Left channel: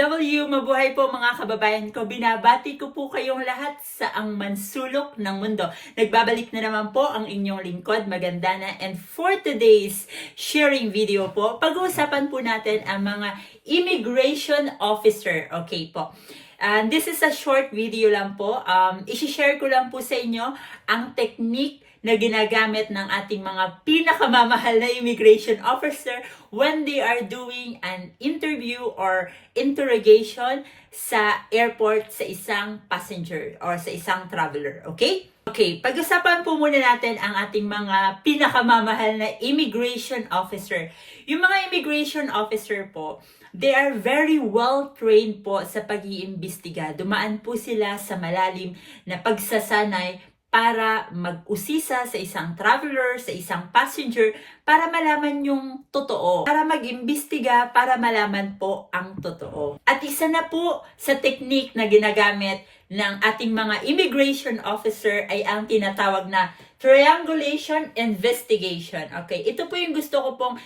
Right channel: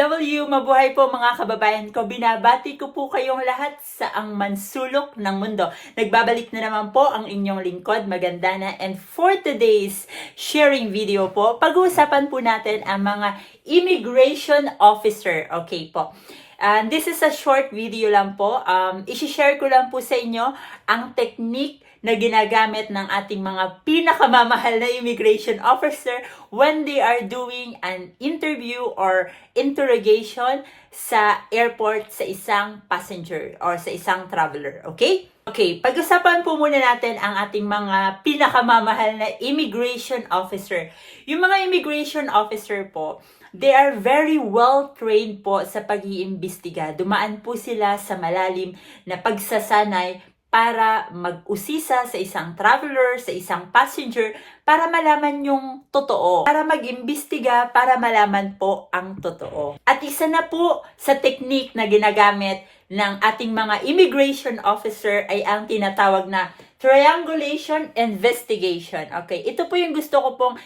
OFW, mabuhay po mga kababayan ko. Binabati ko po kayong lahat sa ang mansulok ng mundo. Nagbabalik na naman po ang inyong lingkod, Magandana. And for today's sharing video po, pag-uusapan po natin ang mga immigration officer. Okay po. And this is a short video lang po. I-share ko lang po sa inyo ang technique na ginagamit ng ating mga pinakamamahal na immigration officer when they are doing an interview or interrogation sa airport sa isang passenger or sa isang traveler. Okay? Okay, pag-usapan po muna natin ang ating mga pinakamamahal na immigration officer. Yung mga immigration officer po, they are very well trained po sa pag-iimbestiga. Dumaan po sila sa malalim na pagsasanay para mag-usisa sa isang traveler, sa isang passenger, para malaman yung totoo. Para mag-imbestiga, para malaman po ang totoo. At isa na po sa technique na ginagamit ng ating mga immigration officer ay ang tinatawag na triangulation investigation. Okay, ito po yung gusto ko pong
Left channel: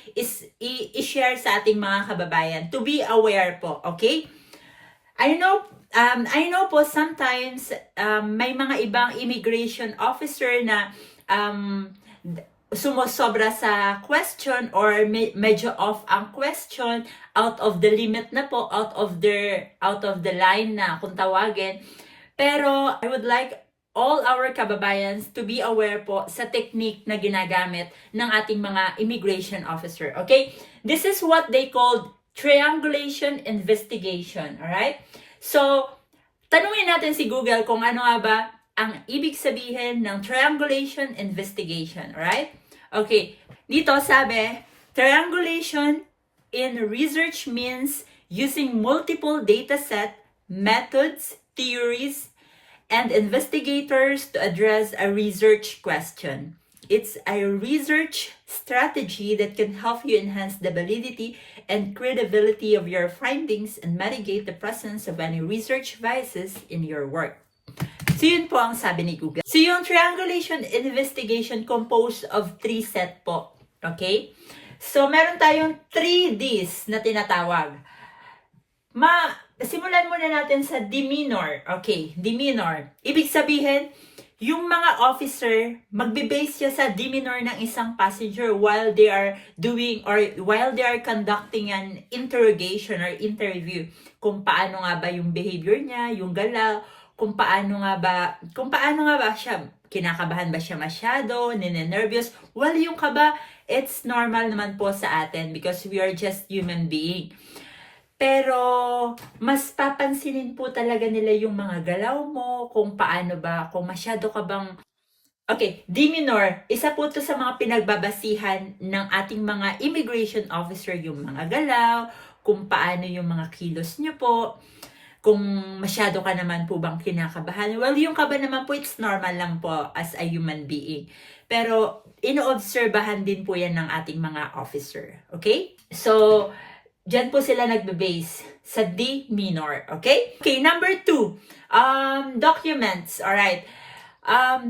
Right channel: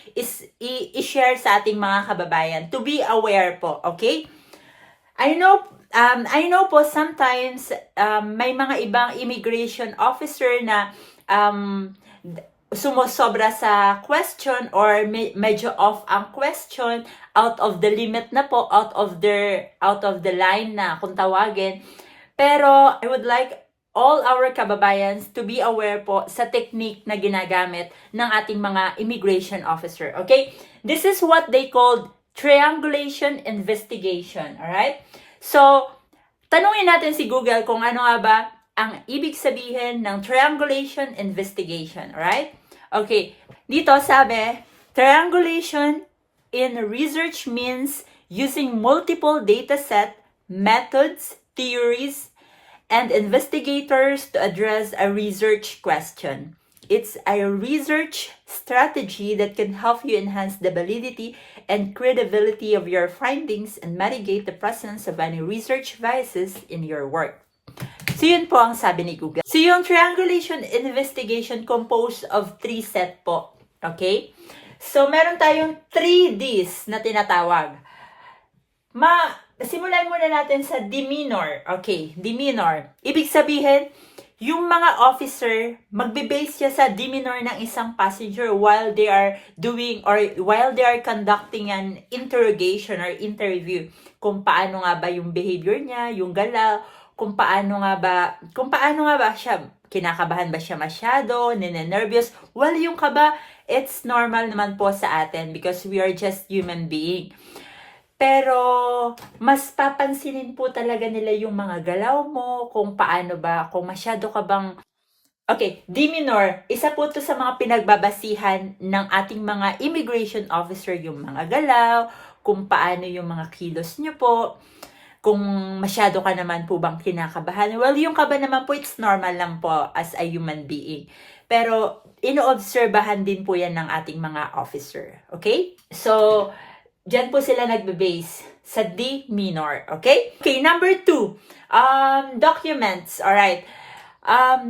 i-share sa ating mga kababayan. To be aware po, okay? I know po sometimes may mga ibang immigration officer na sumusobra sa question or medyo off ang question, out of the limit na po, out of the line na kung tawagin. Pero I would like all our kababayans to be aware po sa technique na ginagamit ng ating mga immigration officer. Okay? This is what they call triangulation investigation. Alright? So, tanungin natin si Google kung ano nga ba ang ibig sabihin ng triangulation investigation. Alright? Okay. Dito sabi, triangulation in research means using multiple dataset, methods, theories, and investigators to address a research question. It's a research strategy that can help you enhance the validity and credibility of your findings and mitigate the presence of any research biases in your work. So yun po ang sabi ni Google. So yung triangulation investigation composed of 3 set po. Okay? So meron tayong 3 Ds na tinatawag. Simulan muna natin sa demeanor. Okay, demeanor. Ibig sabihin, yung mga officer, magbe-base siya sa demeanor ng isang passenger while they are doing or while they are conducting an interrogation or interview. Kung paano nga ba yung behavior niya, yung galaw, kung paano nga ba siya, kinakabahan ba siya masyado, nene-nervous. Well, yung kaba, it's normal naman po sa atin because we are just human being. Pero, mas papansinin po talaga nila yung mga galaw mo, kung paano ba, kung masyado ka bang... Okay, demeanor, isa po to sa mga pinagbabasihan ng ating mga immigration officer, yung mga galaw, kung paano yung mga kilos nyo po, kung masyado ka naman po bang kinakabahan. Well, yung kaba naman po, it's normal lang po as a human being. Pero, inoobserbahan din po yan ng ating mga officer. Okay? So, diyan po sila nagbe-base sa demeanor. Okay? Okay, number 2. Documents. Alright.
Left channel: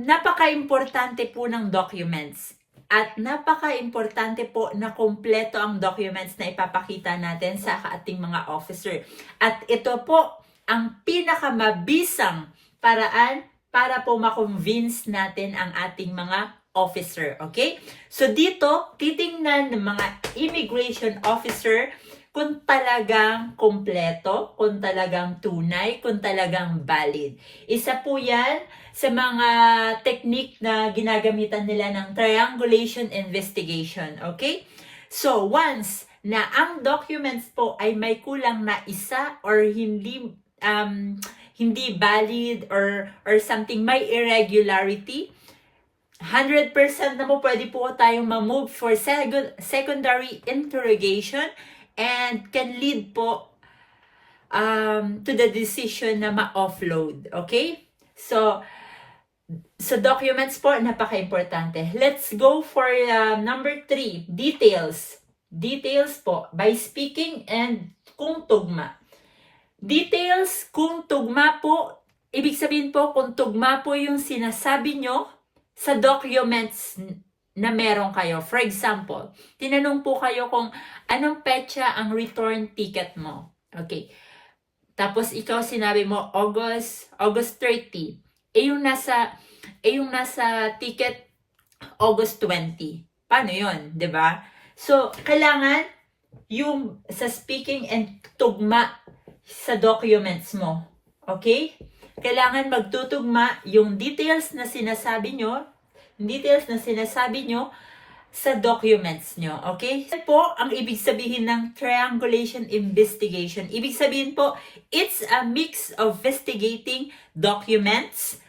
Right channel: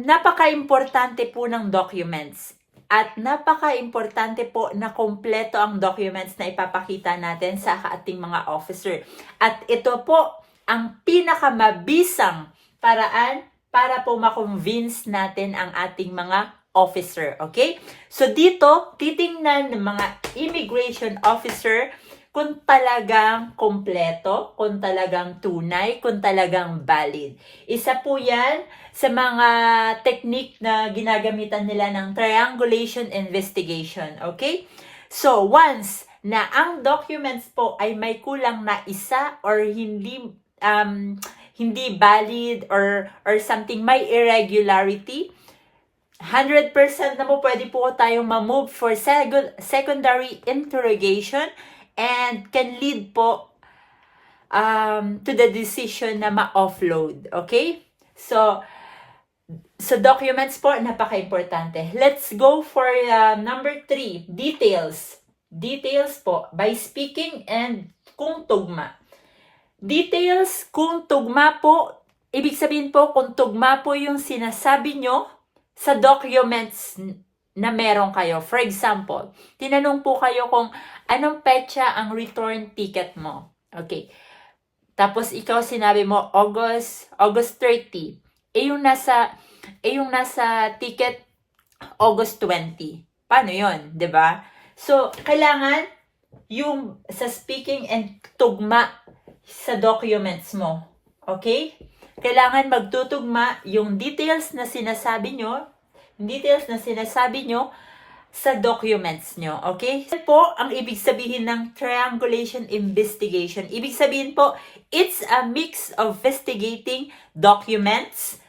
Napaka-importante po ng documents. At napaka-importante po na kompleto ang documents na ipapakita natin sa ating mga officer. At ito po ang pinakamabisang paraan para po ma-convince natin ang ating mga officer. Okay? So dito, titingnan ng mga immigration officer kung talagang kompleto, kung talagang tunay, kung talagang valid. Isa po yan sa mga technique na ginagamitan nila ng triangulation investigation. Okay? So, once na ang documents po ay may kulang na isa or hindi valid or something, may irregularity, 100% na po pwede po tayong ma-move for secondary interrogation and can lead po to the decision na ma-offload. Okay? So documents po, napaka-importante. Let's go for number 3, details. Details po, by speaking and kung tugma. Details, kung tugma po, ibig sabihin po, kung tugma po yung sinasabi nyo sa documents na meron kayo. For example, tinanong po kayo kung anong petsa ang return ticket mo. Okay. Tapos ikaw sinabi mo August 30. Yung nasa ticket August 20. Paano 'yon, 'di ba? So, kailangan yung sa speaking and tugma sa documents mo. Okay? Kailangan magtutugma yung details na sinasabi nyo sa documents nyo. Okay? Yan po ang ibig sabihin ng triangulation investigation. Ibig sabihin po, it's a mix of investigating documents,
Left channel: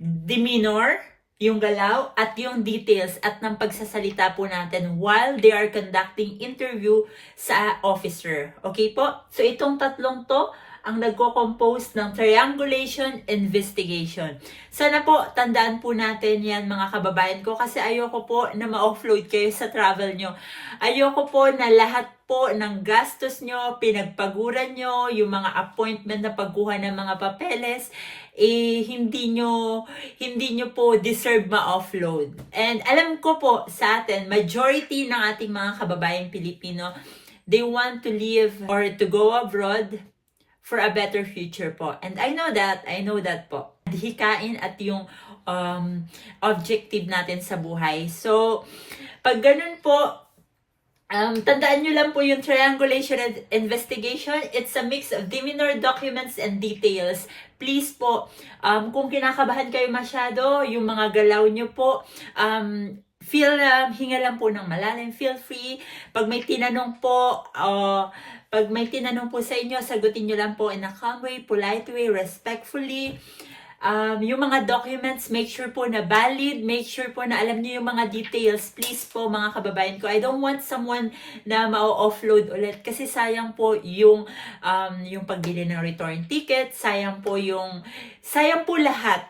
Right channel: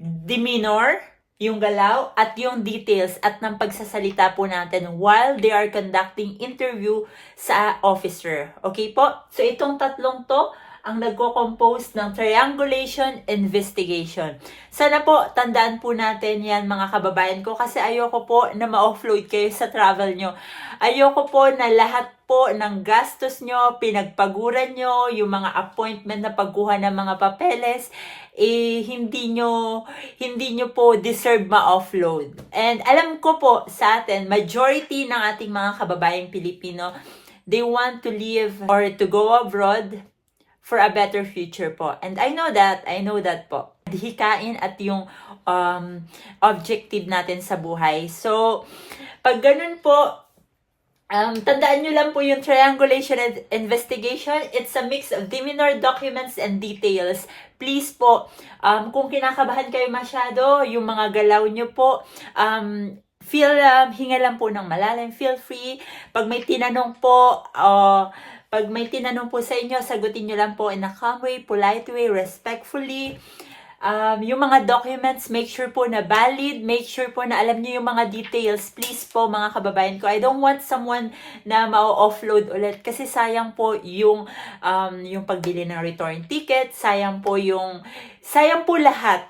demeanor, yung galaw, at yung details at ng pagsasalita po natin while they are conducting interview sa officer. Okay po? So, itong tatlong to ang nagko-compose ng triangulation investigation. Sana po, tandaan po natin yan mga kababayan ko kasi ayoko po na ma-offload kayo sa travel nyo. Ayoko po na lahat po ng gastos nyo, pinagpaguran nyo, yung mga appointment na pagkuha ng mga papeles, hindi nyo po deserve ma-offload. And alam ko po sa atin, majority ng ating mga kababayang Pilipino, they want to live or to go abroad for a better future po. And I know that po. Hikain at yung objective natin sa buhay. So, pag ganun po, tandaan nyo lang po yung triangulation and investigation. It's a mix of demeanor, documents, and details. Please po, kung kinakabahan kayo masyado, yung mga galaw nyo po, hinga lang po ng malalim, feel free. Pag may tinanong po sa inyo, sagutin nyo lang po in a calm way, polite way, respectfully. Yung mga documents, make sure po na valid, make sure po na alam niyo yung mga details. Please po mga kababayan ko, I don't want someone na ma-offload ulit kasi sayang po yung pagbili ng return ticket, sayang po lahat.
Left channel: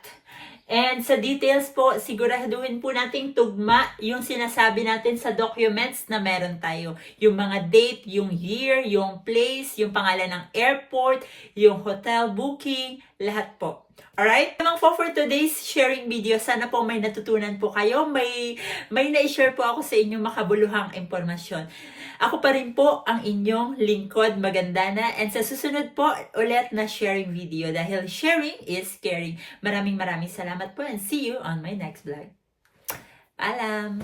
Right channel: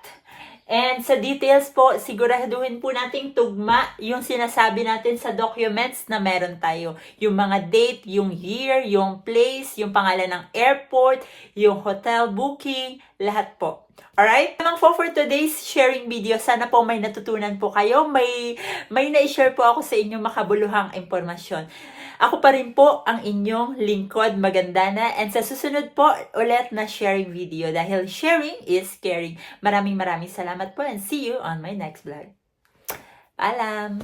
And sa details po, siguraduhin po nating tugma yung sinasabi natin sa documents na meron tayo. Yung mga date, yung year, yung place, yung pangalan ng airport, yung hotel booking, lahat po. Alright? Namang po for today's sharing video, sana po may natutunan po kayo. May na-share po ako sa inyong makabuluhang impormasyon. Ako pa rin po ang inyong lingkod, Magandana. And sa susunod po ulit na sharing video dahil sharing is caring. Maraming salamat po and see you on my next vlog. Paalam!